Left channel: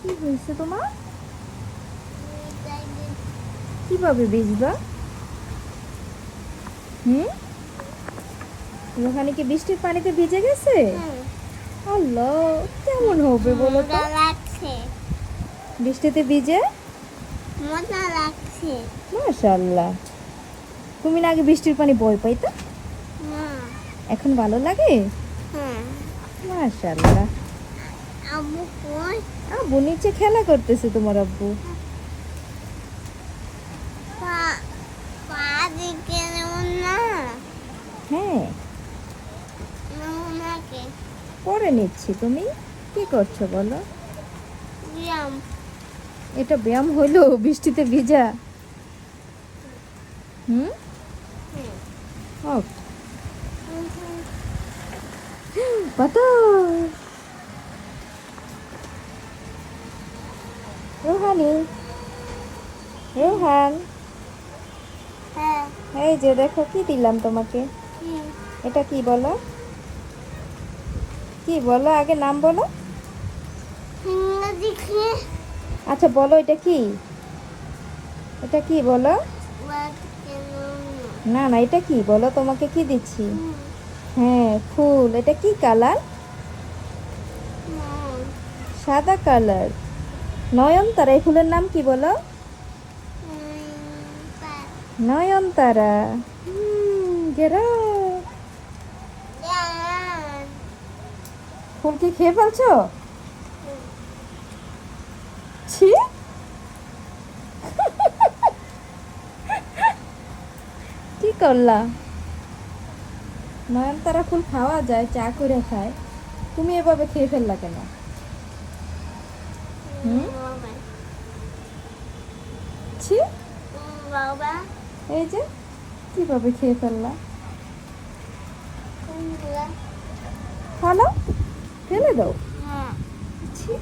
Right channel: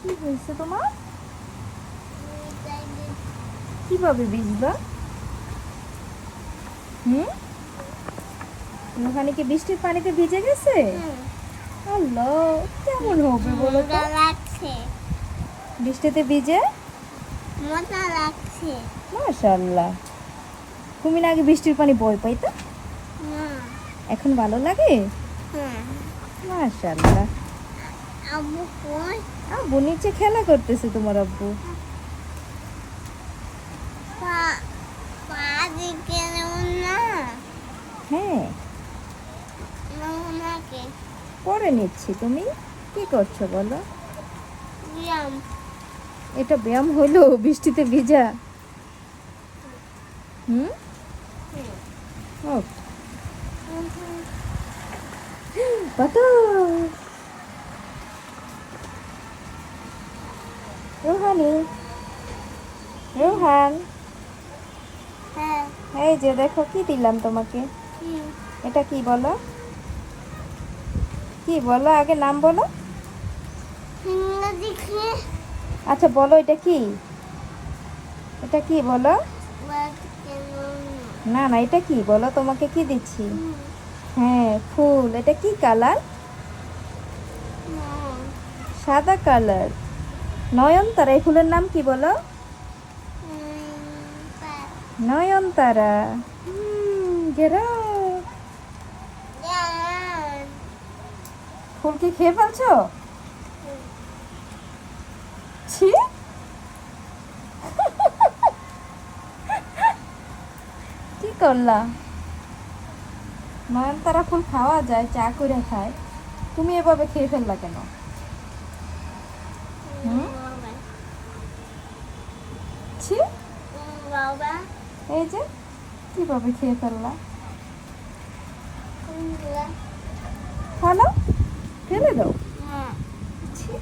কি হয়েছে তোমার? কিভাবে ভিজবা? হুম, রোহানি কি বৃষ্টির পানিতে ভিজে গেছে? আল্লাহ, কেমন হবে বলো তো বৃষ্টিতে ভিজে? মজা লাগছে মাশাআল্লাহ। তুমি না আগে বৃষ্টির পানি ভয় পাইতা, না। এখন ভালো লাগে? হ্যাঁ, মাশাআল্লাহ। আব্বু কই? আব্বু নিচে খেলা করতেছে তোমার আব্বু। পা পা দিকে যেমন না হ্যাঁ, নমুনাকে পরে নিচ্ছি। তুমি কি করছো বলো? ব্যায়াম এটা ব্যায়াম হলো বৃষ্টিতে ভিজা? হুম, হোক। বাতাস। রোহানি, রোহান, হ্যাঁ এই যে দেখো কি দিলাম তোমাকে। এটা কি বলো? কি বলো, আগে নাম বলো। ইংরেজি কি? আচ্ছা বলো, এটা কি? এটা কি বলো? না না, এটা কি বলো, তোমাকে কি দিচ্ছি? হ্যাঁ, ফুল। এটা কি কালার? সাদা কালার। নয়নতারা। এই ফুলের নাম কি বলো? নয়নতারা। গেরা। ফুল কি খেয়ে ফেলছো? ছি, কি করলা? নয়নতারা ফুল খাওয়া যায়, চা করে খায়, তুমি এভাবে খেয়ে ফেললা কেন? হুম, ছি। বাবা এই যে কিভাবে খেয়ে ফেললা? ফেলো, ফেলে দাও। হ্যাঁ ছি।